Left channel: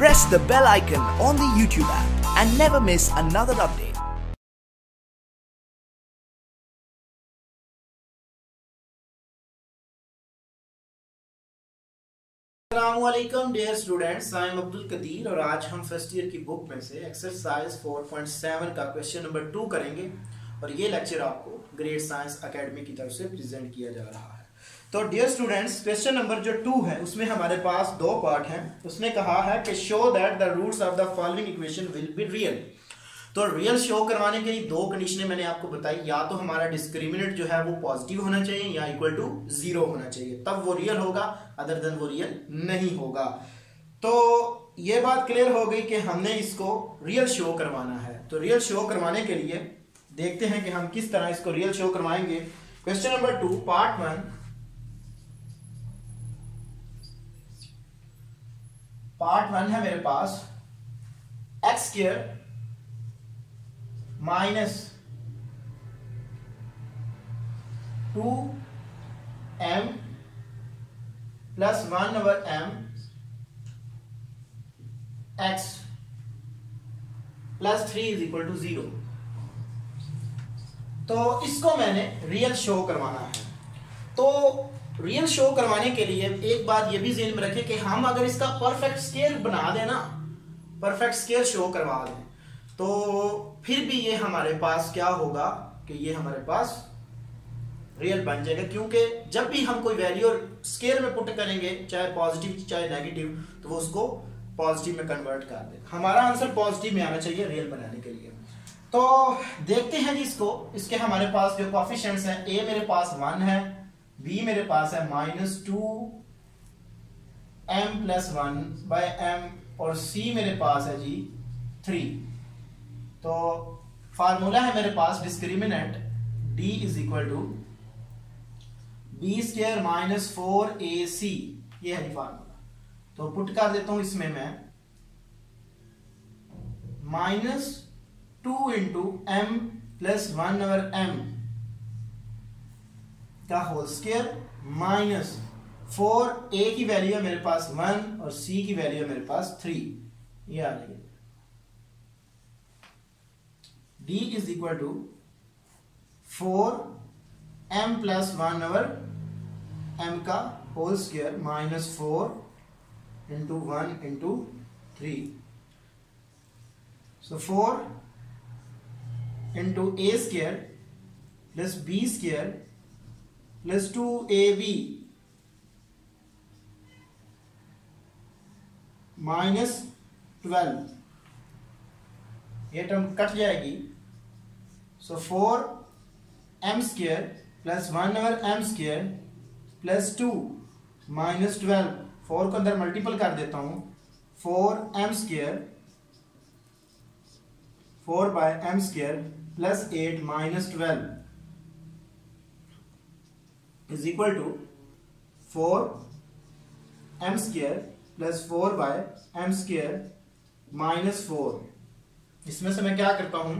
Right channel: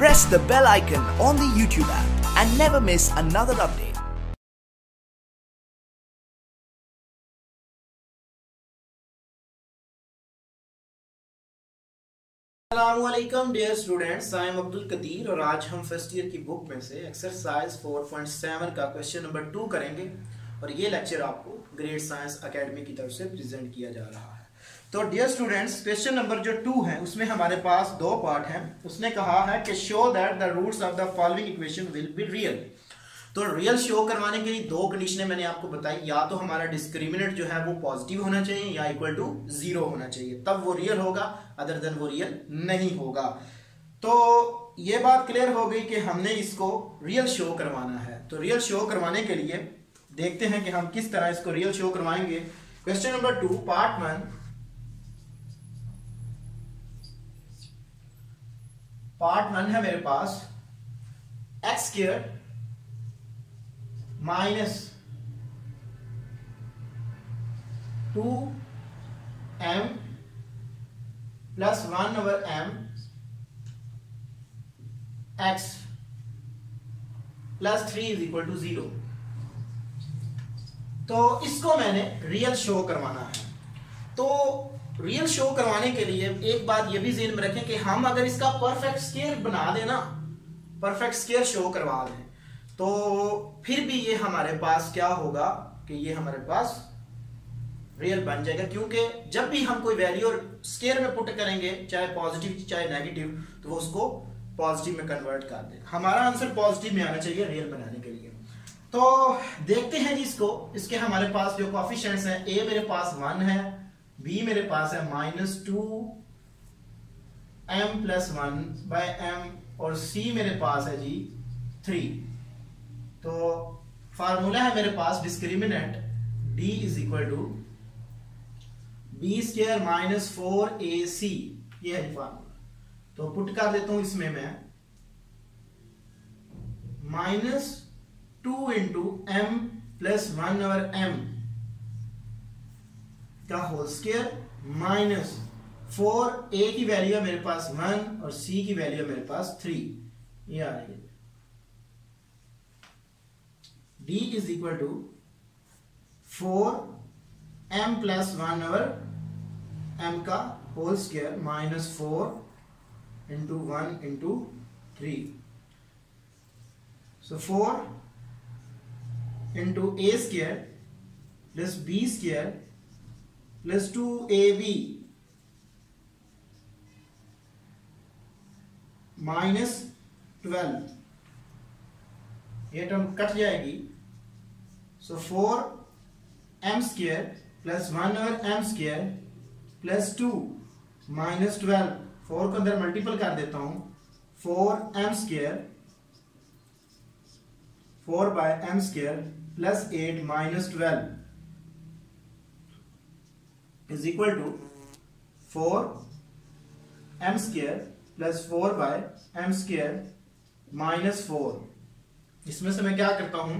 press the bell icon on the YouTube app and never miss another update. अस्सलामुअलैकुम dear students, I am Abdul Qadir और आज हम first year की book में से एक्सरसाइज 4.7 का क्वेश्चन नंबर 2 करेंगे और ये लेक्चर आपको ग्रेड साइंस एकेडमी की तरफ से प्रेजेंट किया जा रहा है। तो डियर स्टूडेंट्स, क्वेश्चन नंबर जो 2 है उसमें हमारे पास दो पार्ट हैं। उसने कहा है कि show that the roots of the following equation will be real. तो रियल शो करवाने के लिए दो कंडीशनें मैंने आपको बताई, या तो हमारा डिस्क्रिमिनेंट जो है वो पॉजिटिव होना चाहिए या इक्वल टू 0 होना चाहिए, तब वो रियल होगा, अदर देन वो रियल नहीं होगा। तो ये बात क्लियर हो गई कि हमने इसको रियल शो करवाना है। तो रियल शो करवाने के लिए देखते हैं कि हम किस तरह इसको रियल शो करवाएंगे। क्वेश्चन नंबर 2 पार्ट 1, पार्ट 1 है मेरे पास X square minus 2m plus 1/m x plus 3 is equal to 0। तो इसको मैंने रियल शो करवाना है। तो रियल शो करवाने के लिए एक बात ये भी ज़हन में रखें कि हम अगर इसका परफेक्ट स्केल बना देना, परफेक्ट स्केल शो करवा दें, तो फिर भी ये हमारे पास क्या होगा कि ये हमारे पास रियल बन जाएगा, क्योंकि जब भी हम कोई वैल्यू स्केल में पुट करेंगे, चाहे पॉजिटिव चाहे नेगेटिव, तो वो उसको पॉजिटिव में कन्वर्ट कर देगा। हमारा आंसर पॉजिटिव में आना चाहिए रियल बनाने के लिए। तो देखते हैं जी इसको। इसके हमारे पास जो कोएफिशिएंट्स हैं, ए मेरे पास 1 है, बी मेरे पास है -2m प्लस 1/m और सी मेरे पास है जी 3। तो फार्मूला है मेरे पास discriminant d is equal to B square minus 4ac, ये है जी फार्मूला। तो पुट कर देता हूं इसमें मैं -2 इंटू m प्लस 1/m का होल स्क्वायर माइनस 4a की वैल्यू है मेरे पास 1 और c की वैल्यू है मेरे पास 3, ये आ रही है। d is equal to 4m plus 1/m का whole square minus 4 into 1 into 3। So 4 इंटू a square plus b square plus 2ab minus 12, ये टर्म कट जाएगी। So 4m square plus 1/m square plus 2 minus 12, 4 को अंदर multiple कर देता हूं, 4m square 4/m square plus 8 minus 12 is equal to 4m square plus 4/m square minus 4। इसमें से मैं क्या करता हूं,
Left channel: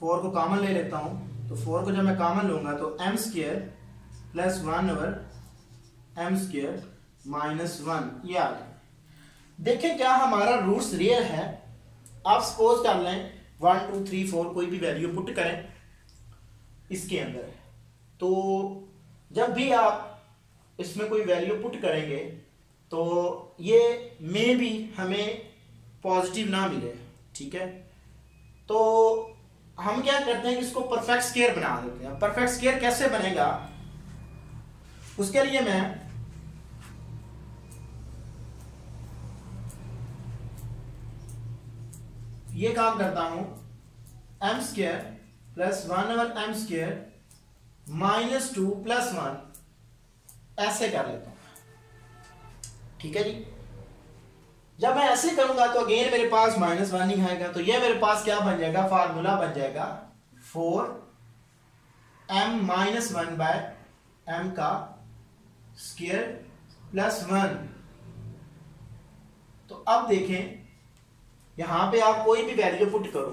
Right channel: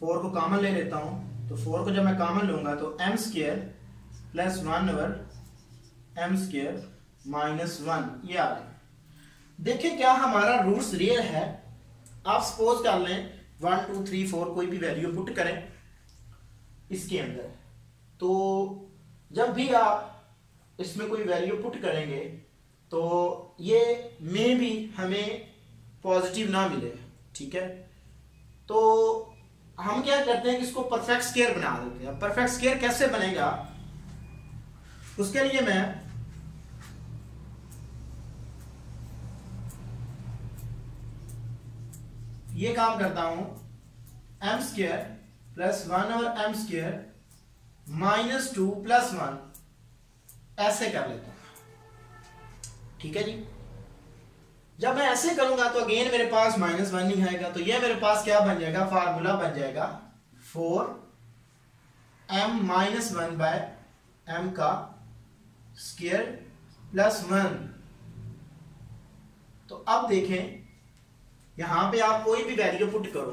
4 को कॉमन ले लेता हूं। तो 4 को जब मैं कॉमन लूंगा तो m square plus 1/m square minus 1, ये आ गया। देखिए क्या हमारा रूट्स रियल है। आप सपोज कर लें 1 2 3 4 कोई भी वैल्यू पुट करें इसके अंदर, तो जब भी आप इसमें कोई वैल्यू पुट करेंगे तो ये में भी हमें पॉजिटिव ना मिले, ठीक है। तो हम क्या करते हैं कि इसको परफेक्ट स्क्वायर बना देते हैं। परफेक्ट स्क्वायर कैसे बनेगा, उसके लिए मैं ये काम करता हूं, m square plus 1/m square minus 2 plus 1, ऐसे कर लेता हूं, ठीक है जी। जब मैं ऐसे करूंगा तो अगेन मेरे पास -1 नहीं आएगा, तो ये मेरे पास क्या बन जाएगा, फार्मूला बन जाएगा 4m माइनस 1/m का स्क्वायर प्लस 1। तो अब देखें यहां पे आप कोई भी वैल्यू पुट करो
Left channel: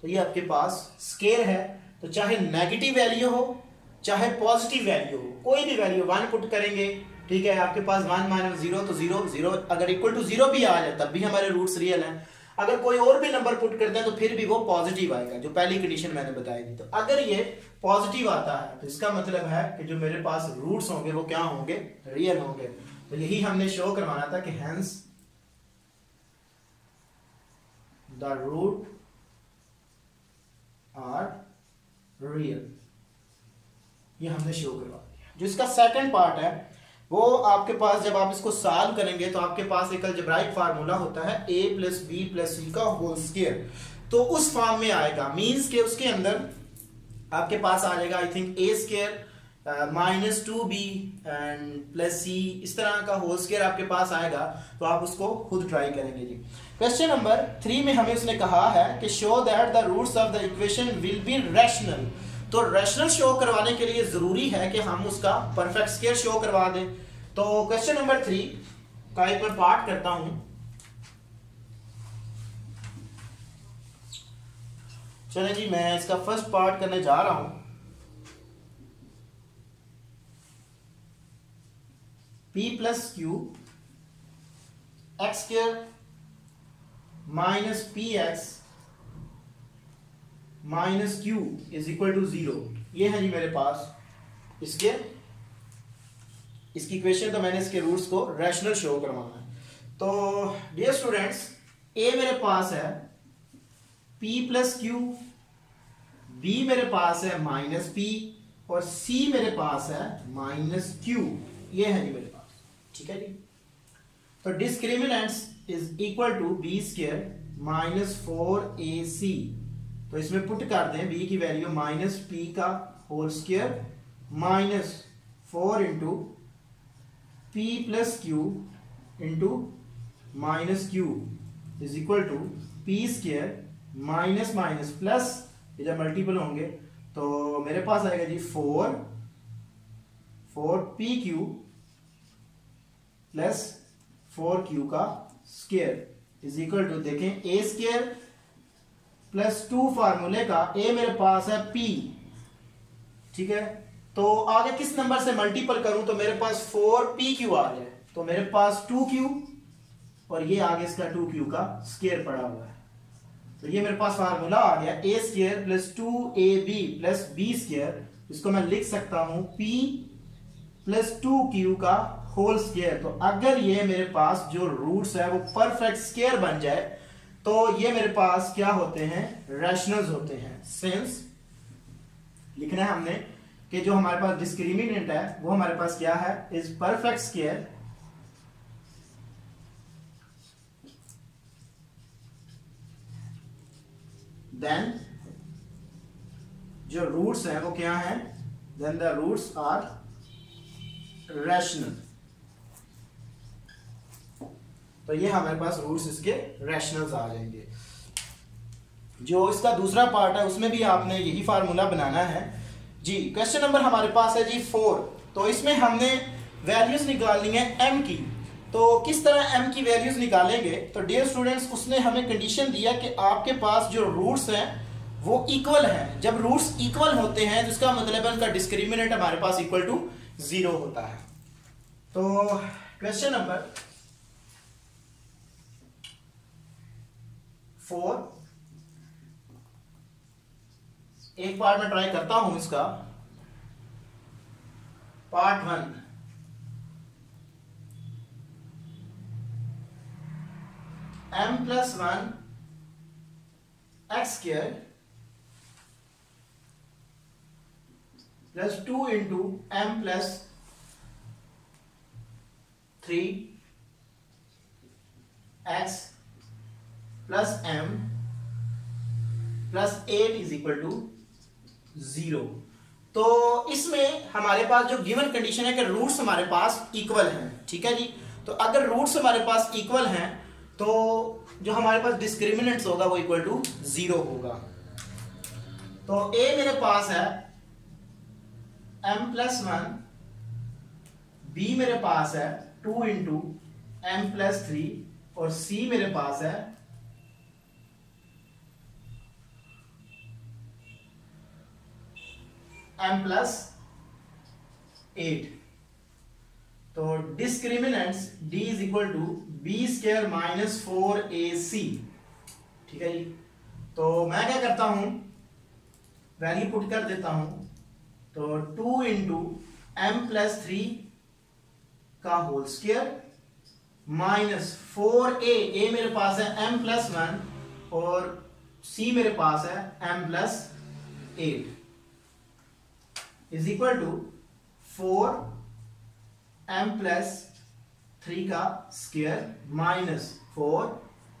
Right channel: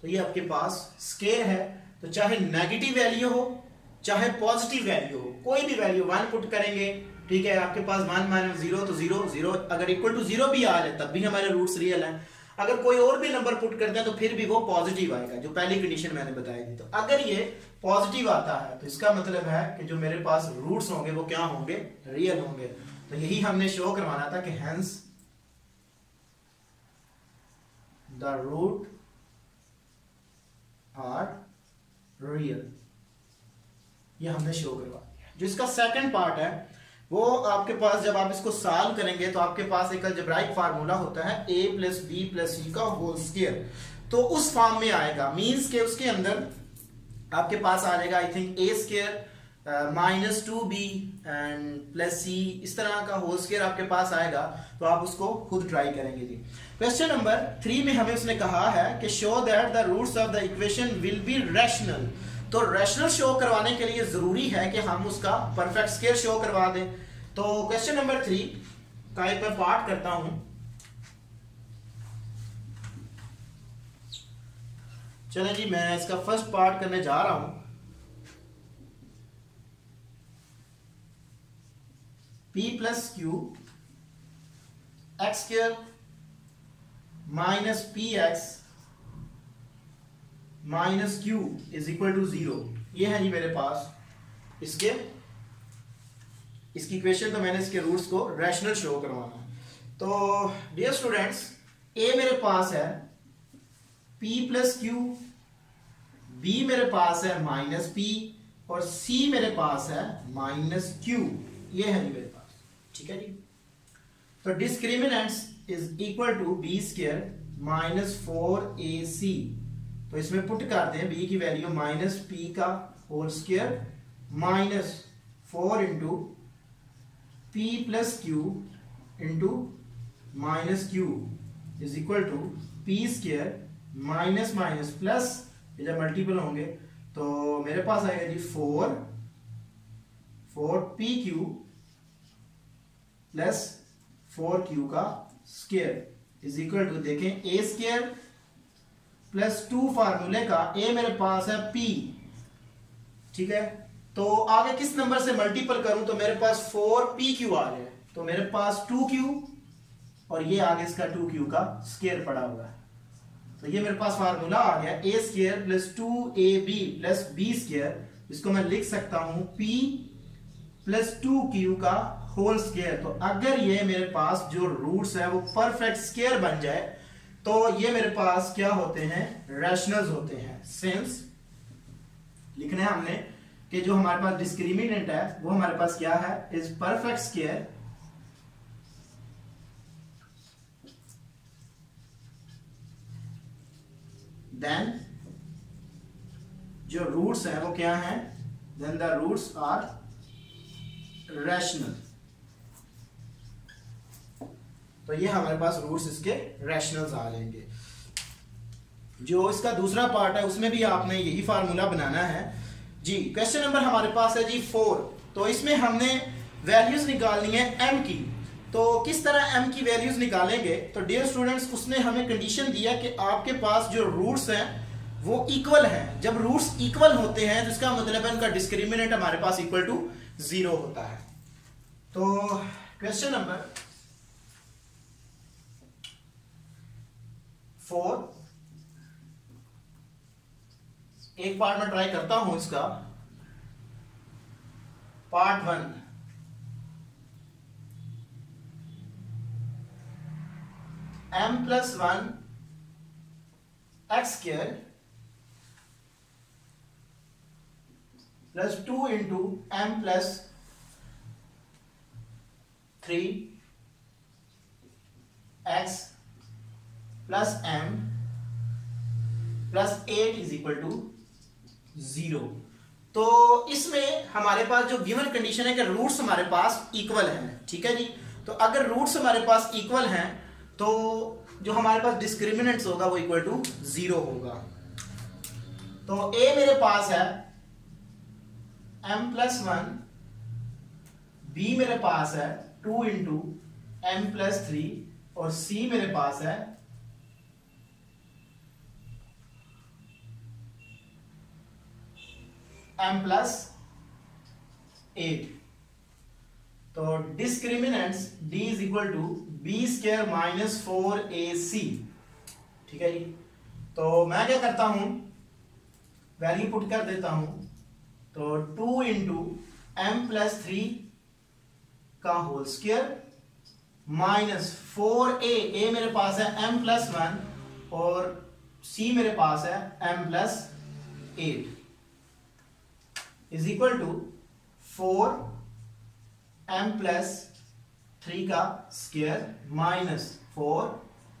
तो ये आपके पास स्केल है, तो चाहे नेगेटिव वैल्यू हो चाहे पॉजिटिव वैल्यू हो, कोई भी वैल्यू 1 पुट करेंगे ठीक है, आपके पास 1 माइनस 0 तो 0, 0 अगर इक्वल टू 0 भी आ जाए तब भी हमारे रूट्स रियल हैं। अगर कोई और भी नंबर पुट करते हैं तो फिर भी वो पॉजिटिव आएगा, जो पहली कंडीशन मैंने बताई थी। तो अगर ये पॉजिटिव आता है तो इसका मतलब है कि जो मेरे पास रूट्स होंगे वो क्या होंगे, रियल होंगे। तो यही हमने शो करवाना था कि hence the root are real, ये हमने शो करवा दिया। जो इसका सेकंड पार्ट है वो आपके पास जब आप इसको सॉल्व करेंगे तो आपके पास एक अलजेब्राइक फार्मूला होता है a plus B plus c का होल स्क्वायर, तो उस फॉर्म में आएगा। मींस के उसके अंदर आपके पास आ जाएगा I think a square minus 2b and plus C, इस तरह का होल स्क्वायर आपके पास आएगा। तो आप उसको खुद ट्राई करेंगे जी। क्वेश्चन नंबर 3 में हमें उसने कहा है कि show that the roots of the equation will be rational. तो रैशनल शो करवाने के लिए जरूरी है कि हम उसका परफेक्ट स्क्वायर शो करवा दें। तो क्वेश्चन नंबर 3 का एक मैं पार्ट करता हूं। चले जी, मैं इसका फर्स्ट पार्ट करने जा रहा हूं। p plus q x square minus p x minus Q is equal to 0। ये है जी मेरे पास इसकी इक्वेशन। तो मैंने इसके रूट्स को रैशनल शो करवाना है। तो डियर स्टूडेंट्स, a मेरे पास है p प्लस क्यू, b मेरे पास है माइनस p और c मेरे पास है माइनस q। ये है जी मेरे पास, ठीक है जी। तो discriminants is equal to B square minus 4ac। तो इसमें पुट कर दें b की वैल्यू माइनस p का whole square minus 4 into p plus Q into minus Q is equal to p square minus minus plus, ये जब multiple होंगे तो मेरे पास आएगा जी 4p क्यू प्लस 4q का स्क्वायर इज इक्वल टू, देखें a स्क्वायर प्लस 2 फार्मूले का a मेरे पास है p, ठीक है। तो आगे किस नंबर से मल्टीपल करूं तो मेरे पास 4pq आ जाए, तो मेरे पास 2q और ये आगे इसका 2q का स्क्वायर पड़ा हुआ है। तो ये मेरे पास फार्मूला आ गया a square plus 2ab plus b square. इसको मैं लिख सकता हूं p प्लस 2q का होल स्क्वायर। तो अगर ये मेरे पास जो रूट्स है वो परफेक्ट स्क्वायर बन जाए तो ये मेरे पास क्या होते हैं, रैशनल्स होते हैं। सिंस लिखना है हमने कि जो हमारे पास डिस्क्रिमिनेंट है वो हमारे पास क्या है, इज परफेक्ट स्क्वायर देन जो रूट्स हैं वो क्या हैं, then the roots are rational. तो ये हमारे पास रूट्स इसके रैशनल्स आ जाएंगे। जो इसका दूसरा पार्ट है उसमें भी आपने यही फार्मूला बनाना है जी। क्वेश्चन नंबर हमारे पास है जी 4। तो इसमें हमने वैल्यूज निकालनी है m की। तो किस तरह m की वैल्यूज निकालेंगे, तो डियर स्टूडेंट्स उसने हमें कंडीशन दिया कि आपके पास जो रूट्स हैं वो इक्वल हैं। जब रूट्स इक्वल होते हैं तो इसका मतलब है उनका डिस्क्रिमिनेंट हमारे पास इक्वल टू 0 होता है। तो क्वेश्चन नंबर 4 एक पार्ट में ट्राई करता हूं इसका। Part 1, m plus 1 x square plus 2 into m plus 3 x plus m plus 8 is equal to 0। तो इसमें हमारे पास जो गिवन कंडीशन है कि रूट्स हमारे पास इक्वल हैं, ठीक है जी। तो अगर रूट्स हमारे पास इक्वल हैं तो जो हमारे पास डिस्क्रिमिनेंट्स होगा वो इक्वल टू 0 होगा। तो a मेरे पास है m प्लस 1, b मेरे पास है 2 इंटू m प्लस 3 और c मेरे पास है m प्लस 8। तो discriminants d is equal to B square minus 4ac। ठीक है जी, तो मैं क्या करता हूं, वैल्यू पुट कर देता हूं, तो 2 इंटू एम प्लस 3 का whole square minus 4a, a मेरे पास है m प्लस 1 और c मेरे पास है m plus 8 is equal to 4m plus 3 का स्क्वायर माइनस 4,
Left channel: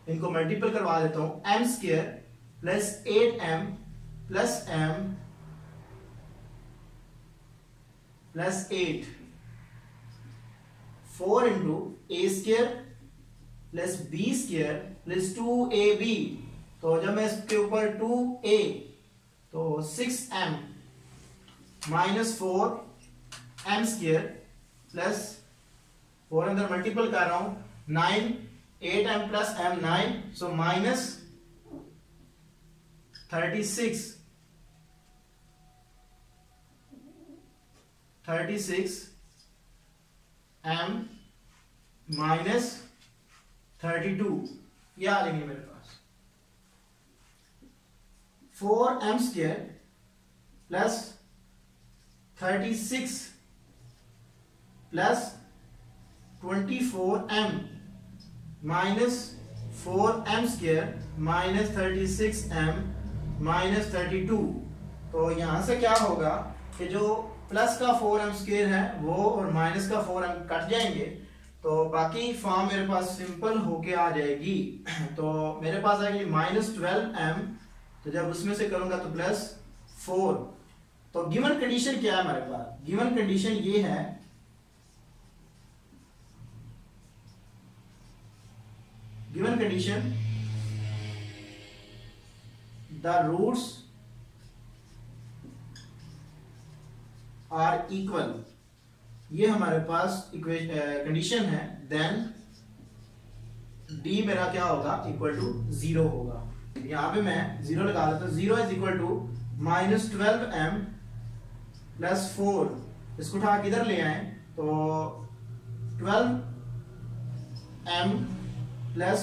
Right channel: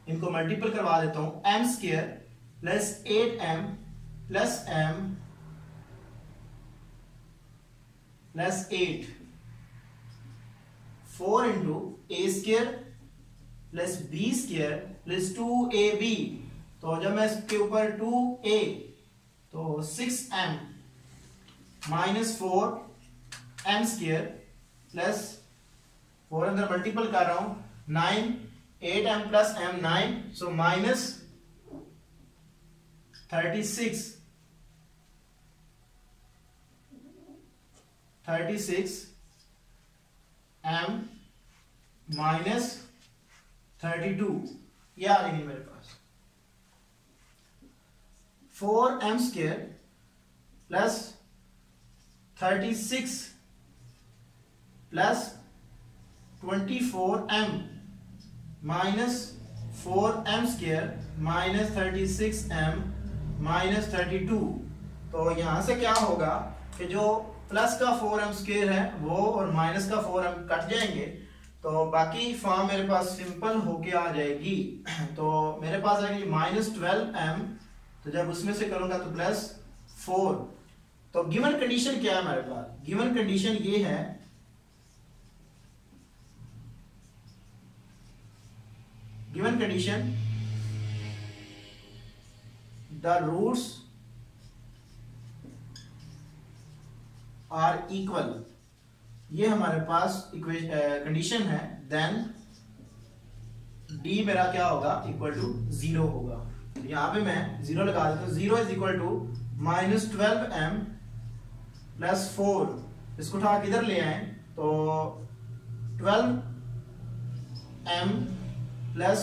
इनको मल्टीपल करवा देता हूं, m square plus 8m plus m plus 8, 4 into a square plus b square plus 2ab, तो जब मैं इसके ऊपर 2a तो 6m minus 4m square plus 4 अंदर मल्टीपल कर रहा हूं 9, 8m plus m 9, so minus 36 m minus 32, ये आ जाएगी मेरे पास 4m square plus 36 plus 24m minus 4m square minus 36m minus 32। तो यहां से क्या होगा कि जो प्लस का 4m स्क्वायर है वो और माइनस का 4m कट जाएंगे, तो बाकी फॉर्म मेरे पास सिंपल होके आ जाएगी। तो मेरे पास आएगी माइनस 12m, तो जब उसमें से करूंगा तो प्लस 4। तो गिवन कंडीशन क्या है हमारे पास, गिवन कंडीशन ये है, given condition the roots are equal, ये हमारे पास कंडीशन है, देन d मेरा क्या होगा, इक्वल टू 0 होगा। यहां पे मैं 0 लगा देता हूं, 0 is equal to minus 12m plus 4, इसको उठा किधर ले आए तो 12m plus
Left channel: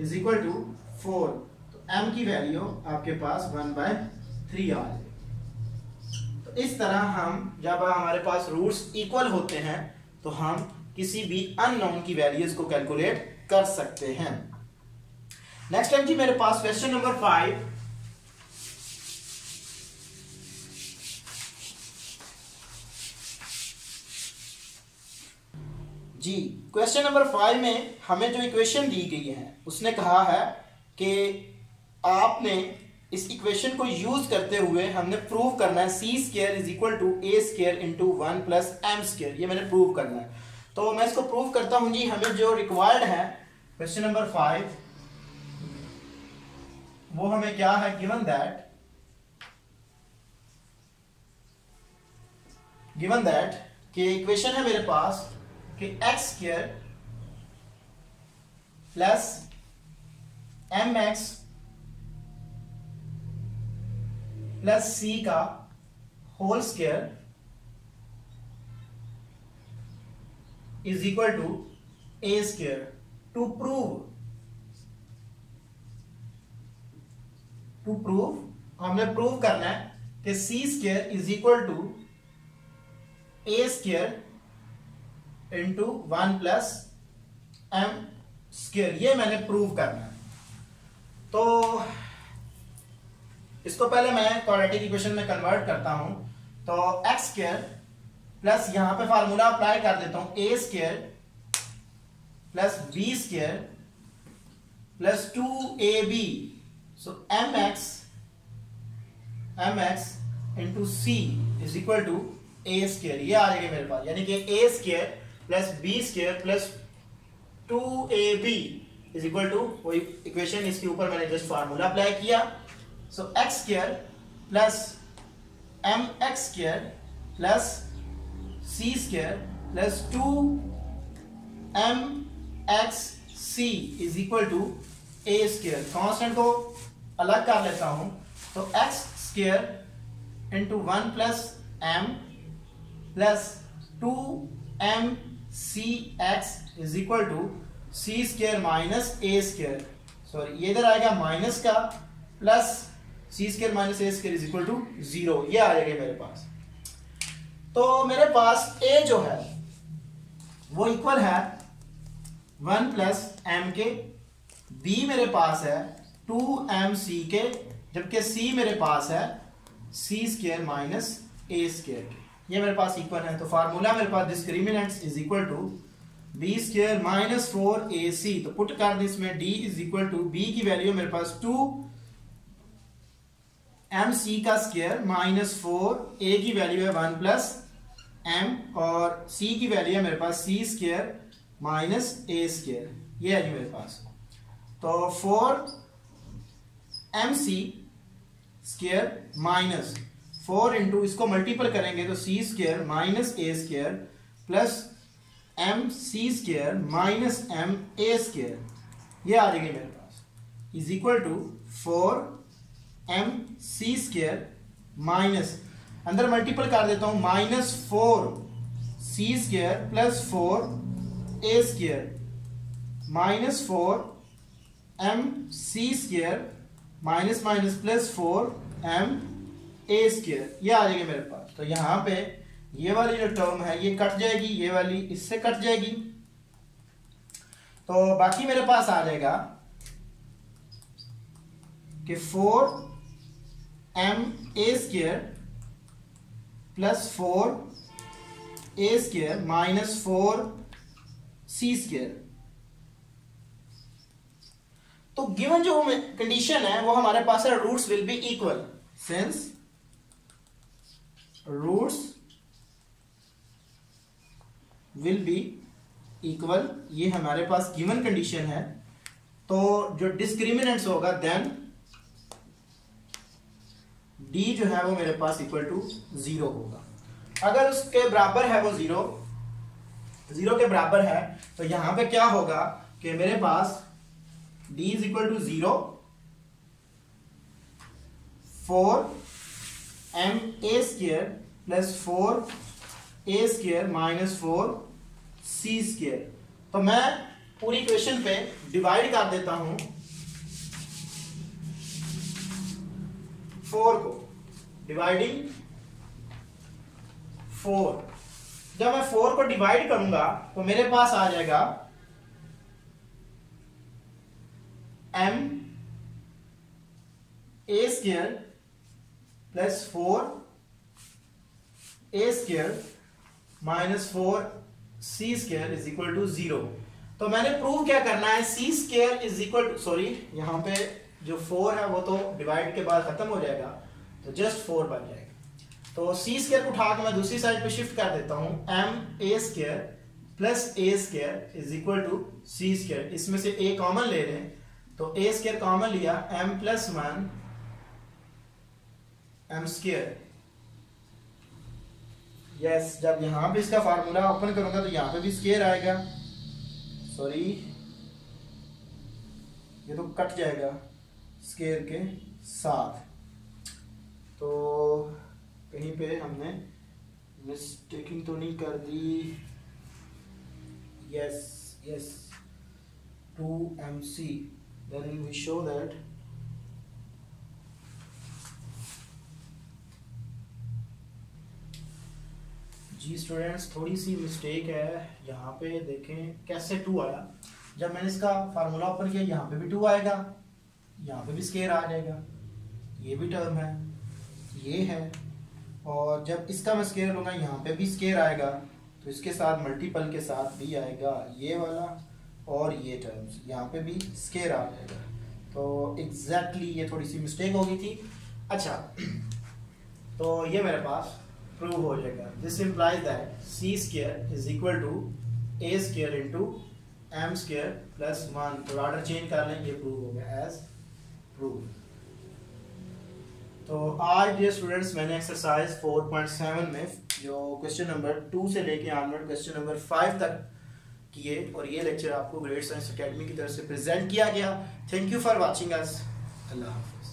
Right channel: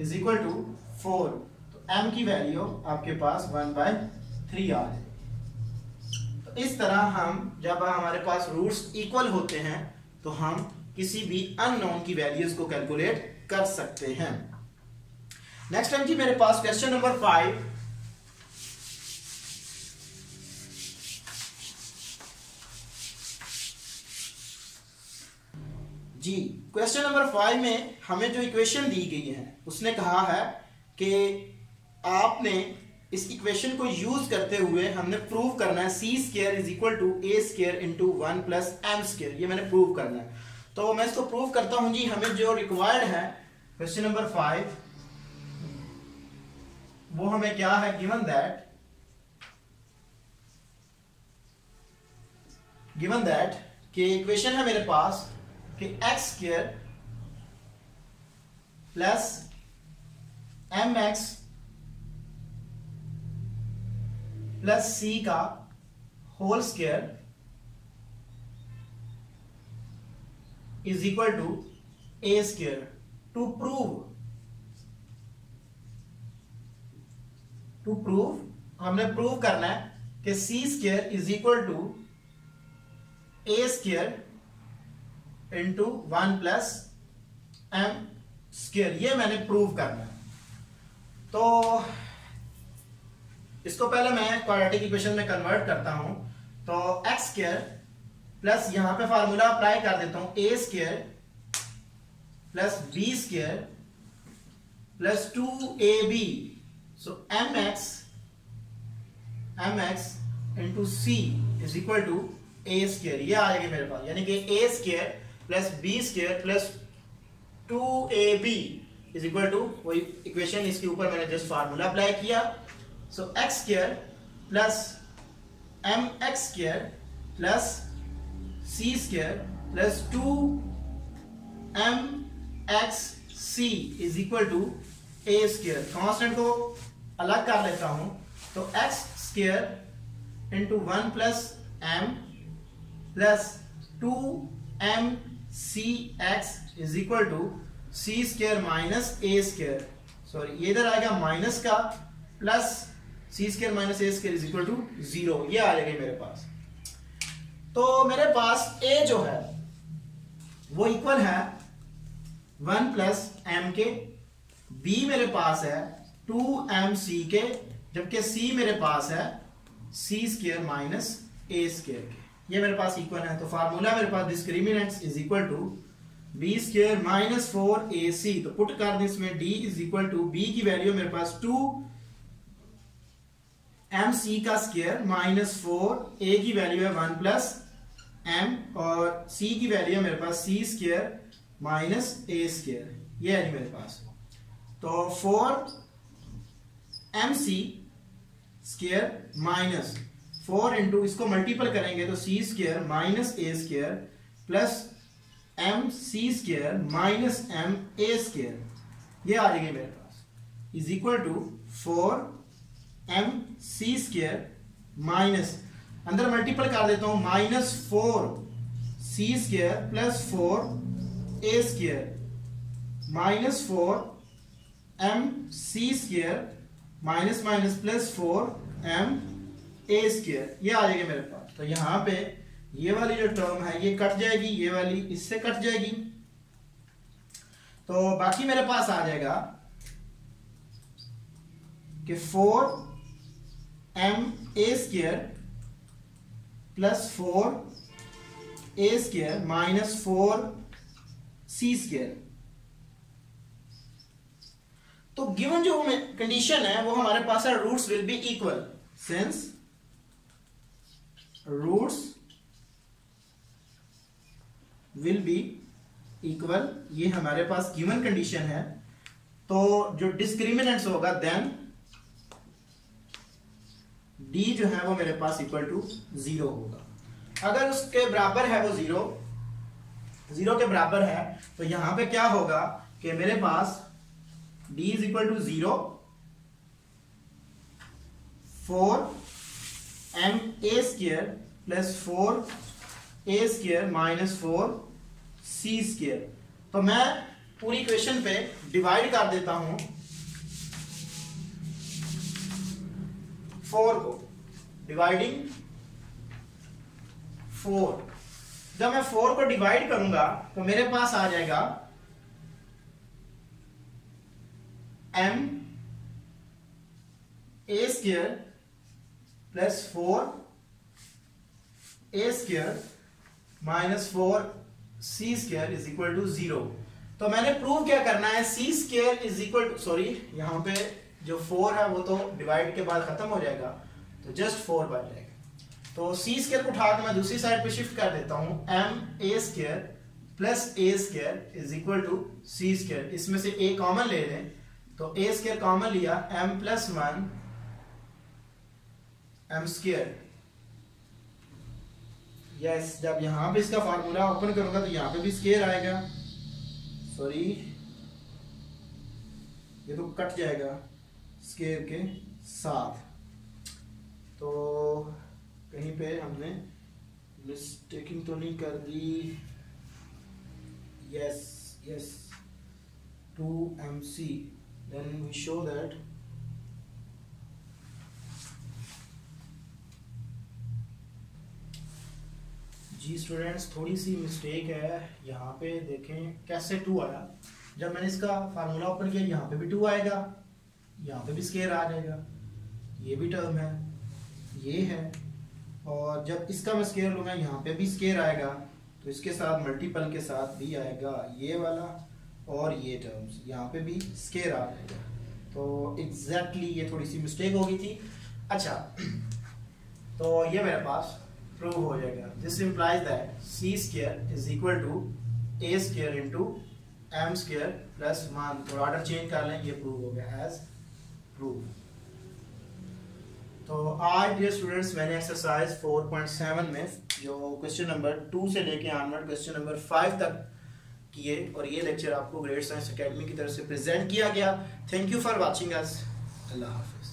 is equal to 4, तो m की वैल्यू आपके पास 1/3 आ जाए। इस तरह हम जब हमारे पास रूट्स इक्वल होते हैं तो हम किसी भी अननोन की वैल्यूज को कैलकुलेट कर सकते हैं। नेक्स्ट टाइम जी मेरे पास क्वेश्चन नंबर 5, जी क्वेश्चन नंबर 5 में हमें जो इक्वेशन दी गई है उसने कहा है कि आपने इस इक्वेशन को यूज करते हुए हमने प्रूव करना है c square is equal to a square into 1 plus m square, ये मैंने प्रूव करना है। तो मैं इसको प्रूव करता हूं जी। हमें जो रिक्वायर्ड है क्वेश्चन नंबर 5, वो हमें क्या है, गिवन दैट कि इक्वेशन है मेरे पास कि x square plus m x plus c का whole square is equal to a square. To prove हमने प्रूव करना है कि c square is equal to a square into 1 plus m square, ये मैंने प्रूव करना है। तो इसको पहले मैं क्वाड्रेटिक इक्वेशन में कन्वर्ट करता हूं, तो एक्स स्क्वायर प्लस यहां पे फार्मूला अप्लाई कर देता हूं, a square plus b square plus 2ab, so m x into c is equal to a square, ये आ जाएगा मेरे पास, यानी कि a square plus b square plus 2ab is equal to वही इक्वेशन, इसके ऊपर मैंने जस्ट फार्मूला अप्लाई किया। So x square plus m x square plus c square plus 2m x c is equal to a square. Constant को अलग कर लेता हूं, तो x square into 1 plus m plus 2mcx is equal to c square minus a square, sorry ये इधर आएगा minus का, plus c square minus a square is equal to 0, ये आ जाएगा मेरे पास। तो मेरे पास a जो है वो इक्वल है 1 प्लस एम के, b मेरे पास है 2mc के, जबकि c मेरे पास है c square minus a square के, ये मेरे पास इक्वल है। तो फार्मूला मेरे पास discriminants is equal to B square minus 4ac, तो पुट कर दे इसमें d is equal to b की वैल्यू मेरे पास 2mc का स्क्वायर माइनस 4, a की वैल्यू है 1 प्लस m, और c की वैल्यू है मेरे पास c square minus a square, ये है जी मेरे पास। तो 4mc स्क्वायर माइनस 4 इंटू इसको मल्टीपल करेंगे तो c square minus a square plus m c square minus m a square, ये आ जाएगी मेरे पास, is equal to 4m c square minus, अंदर मल्टीपल कर देता हूं, minus 4c square plus 4a square minus 4m c square minus minus plus 4m a square, ये आ जाएगा मेरे पास। तो यहां पे ये वाली जो टर्म है ये कट जाएगी, ये वाली इससे कट जाएगी, तो बाकी मेरे पास आ जाएगा कि 4m a square plus 4a square minus 4c square. तो गिवन जो कंडीशन है वो हमारे पास है roots will be equal, since roots will be equal, ये हमारे पास गिवन कंडीशन है। तो जो डिस्क्रिमिनेंट्स होगा देन d जो है वो मेरे पास इक्वल टू 0 होगा। अगर उसके बराबर है वो 0 के बराबर है, तो यहां पे क्या होगा कि मेरे पास d is equal to 0, 4m a square plus 4a square minus 4c square. तो मैं पूरी इक्वेशन पे डिवाइड कर देता हूं 4 को, डिवाइडिंग 4, जब मैं 4 को डिवाइड करूंगा तो मेरे पास आ जाएगा m a square plus 4a square minus 4c square is equal to 0। तो मैंने प्रूव क्या करना है, c square is equal to, sorry यहां पे जो 4 है वो तो डिवाइड के बाद खत्म हो जाएगा, तो जस्ट 4 बन जाएगा। तो c स्क्वायर को उठा के मैं दूसरी साइड पे शिफ्ट कर देता हूं, m a square plus a square is equal to c square, इसमें से a कॉमन ले लें, तो a स्क्वायर कॉमन लिया, m plus 1 m square. Yes, जब यहां पे इसका फार्मूला ओपन करूंगा तो यहां पे भी स्क्वायर आएगा, सॉरी ये तो कट जाएगा स्क्वायर के साथ, तो कहीं पे हमने मिस्टेकिंग तो नहीं कर दी। Yes yes 2mc, then we show that जी स्टूडेंट्स थोड़ी सी मिस्टेक है यहाँ पे, देखें कैसे 2 आया, जब मैंने इसका फार्मूला ओपन किया यहाँ पे भी 2 आएगा, यहाँ पे भी स्क्वायर आ जाएगा, ये भी टर्म है, ये है, और जब इसका मैं स्क्वायर लूंगा यहाँ पे भी स्क्वायर आएगा, तो इसके साथ मल्टीपल के साथ भी आएगा ये वाला, और ये टर्म्स यहाँ पे भी स्क्वायर आ जाएगा। तो एग्जैक्टली ये थोड़ी सी मिस्टेक हो गई थी। अच्छा, तो ये मेरे पास प्रूव हो जाएगा, this implies that c square is equal to a square into m square plus 1, तो ऑर्डर चेंज कर लें, ये प्रूव हो गया एज प्रूव। तो आज डियर स्टूडेंट्स मैंने एक्सरसाइज 4.7 में जो क्वेश्चन नंबर 2 से लेके ऑनवर्ड क्वेश्चन नंबर 5 तक किए, और ये लेक्चर आपको ग्रेड साइंस एकेडमी की तरफ से प्रेजेंट किया गया। Thank you for watching us, Allah Hafiz.